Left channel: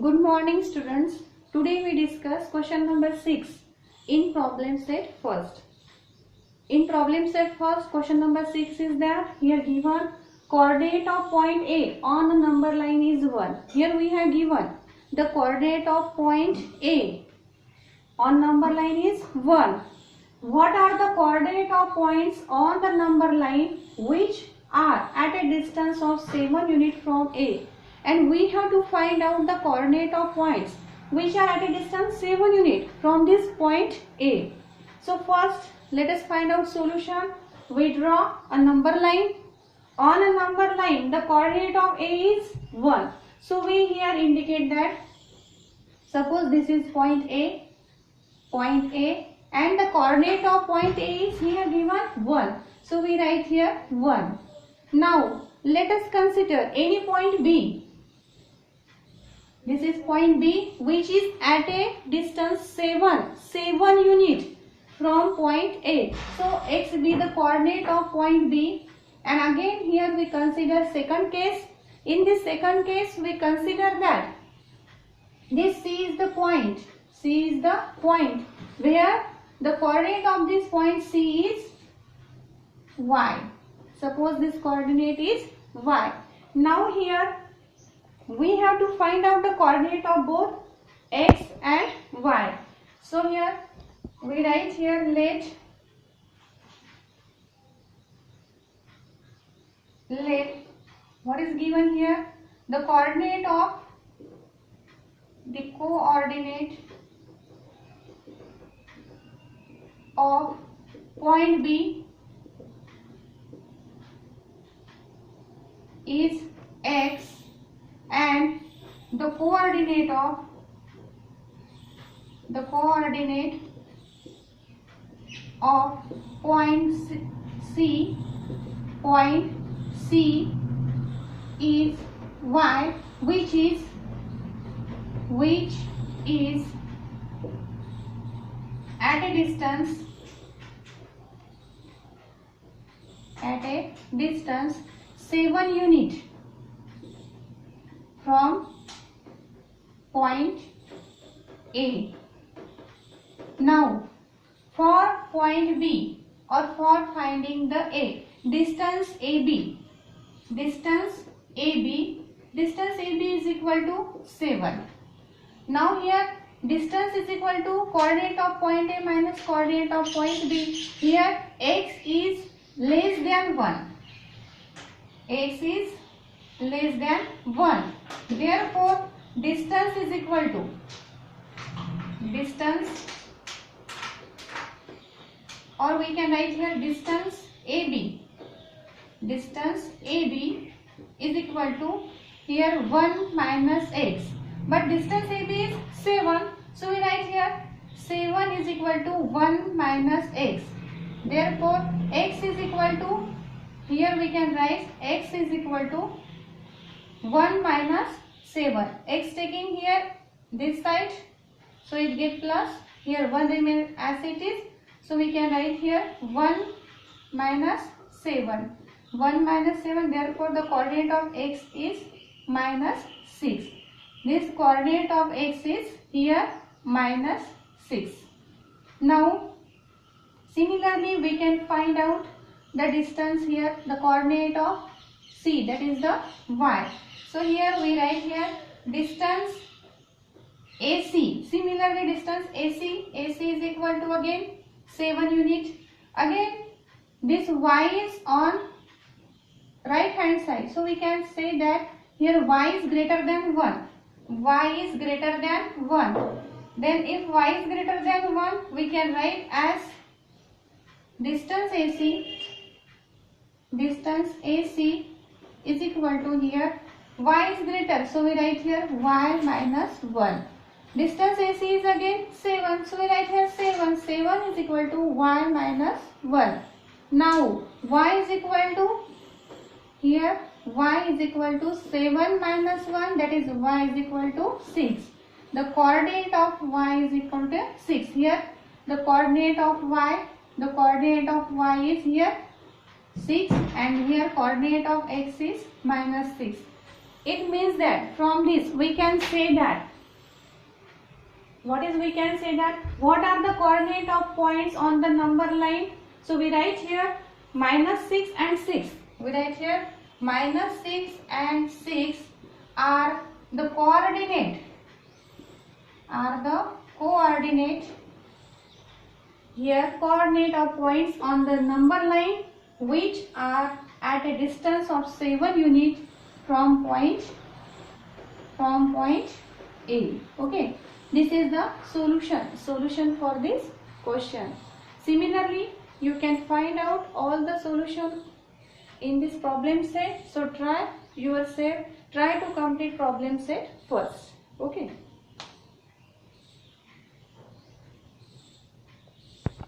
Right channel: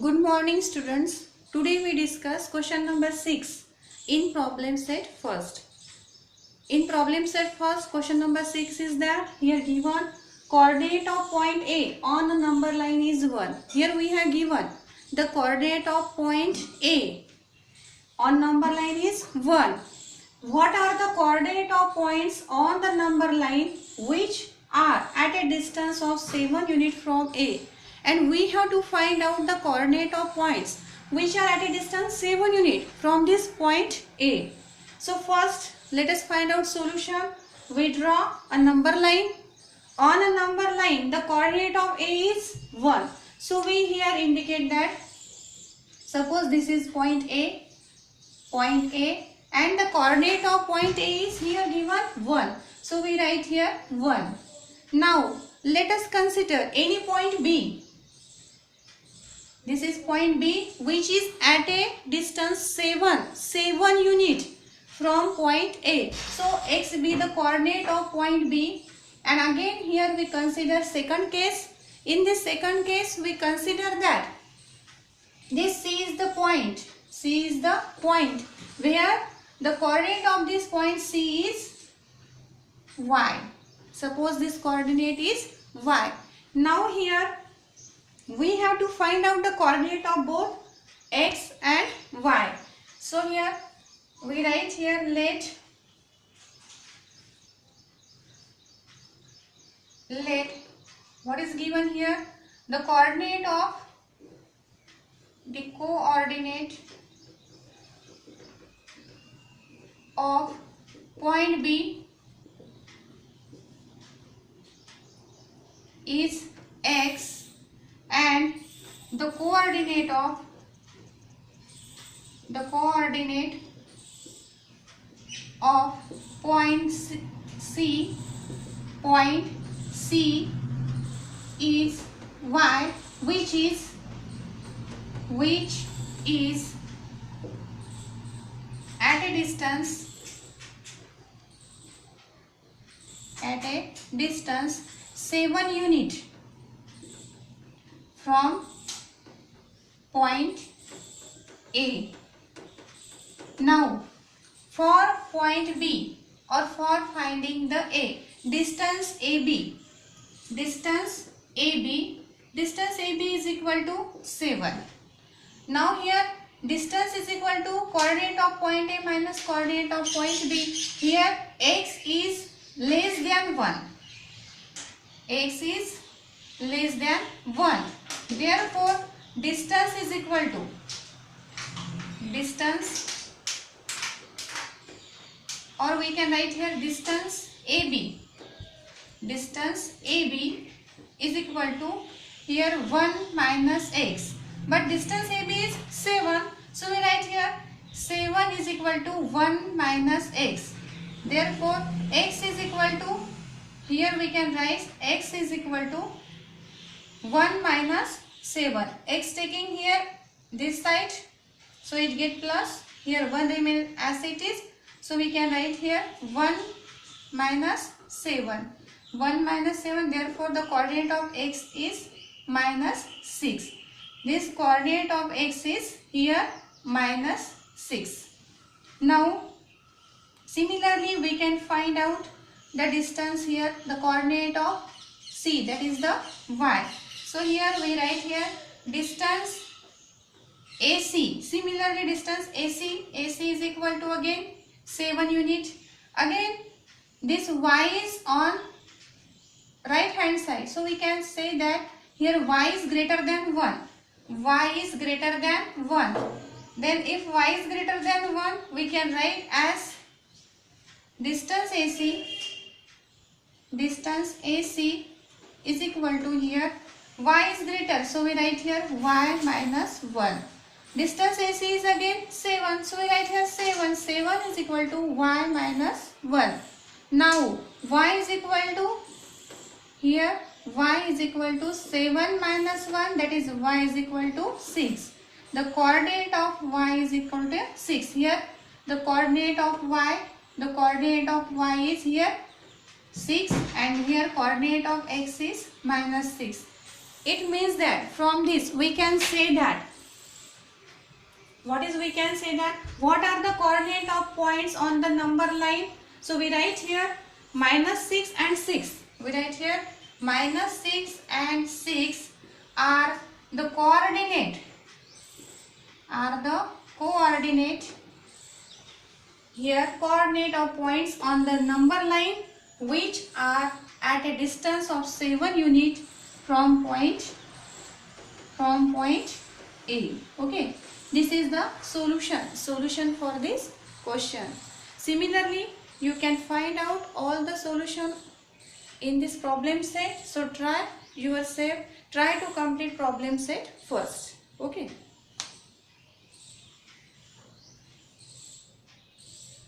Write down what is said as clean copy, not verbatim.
Good morning students. Today we discuss question number 6 in problem set first. In problem set first, question number 6 is that here given coordinate of point A on a number line is 1. Here we have given the coordinate of point A on number line is 1. What are the coordinate of points on the number line which are at a distance of 7 units from A? And we have to find out the coordinate of points which are at a distance 7 units from this point A. So first let us find out solution. We draw a number line. On a number line the coordinate of A is 1. So we here indicate that suppose this is point A and the coordinate of point A is here given 1. So we write here 1. Now let us consider any point B. This is point B which is at a distance 7 unit from point A. So x be the coordinate of point B, and again here we consider second case. In this second case we consider that this C is the point. C is the point where the coordinate of this point C is y. Suppose this coordinate is y. Now here we have to find out the coordinate of both x and y. So here we write here let what is given here, the coordinate of point B is x and the coordinate of point C is y, which is at a distance 7 unit from point A. Now for point B or for finding the A, distance AB is equal to 7. Now here distance is equal to coordinate of point A minus coordinate of point B. Here x is less than 1. X is less than 1. Therefore distance is equal to or we can write here distance AB. Distance AB is equal to here 1 minus x. But distance AB is 7. So we write here 7 is equal to 1 minus x. Therefore x is equal to, here we can write x is equal to 1 minus 7. X taking here this side, so it get plus, here 1 remain as it is. So we can write here 1 minus 7. 1 minus 7, therefore the coordinate of x is minus 6. This coordinate of x is here minus 6. Now similarly we can find out the distance here, the coordinate of C, that is the y. So here we write here distance AC. Similarly distance AC is equal to again 7 unit. Again this y is on right hand side. So we can say that here y is greater than 1. Y is greater than 1. Then if y is greater than 1, we can write as distance AC is equal to here y is greater. So we write here y minus 1. Distance AC is again 7. So we write here 7. 7 is equal to y minus 1. Now y is equal to, here y is equal to 7 minus 1, that is y is equal to 6. The coordinate of y is equal to 6. Here the coordinate of y is here 6 and here coordinate of x is minus 6. It means that from this we can say that what is, we can say that, what are the coordinate of points on the number line? So we write here -6 and 6. We write here -6 and 6 are the coordinate, here coordinate of points on the number line which are at a distance of 7 units from point A. Okay, this is the solution for this question. Similarly, you can find out all the solution in this problem set. So try yourself, try to complete problem set first. Okay.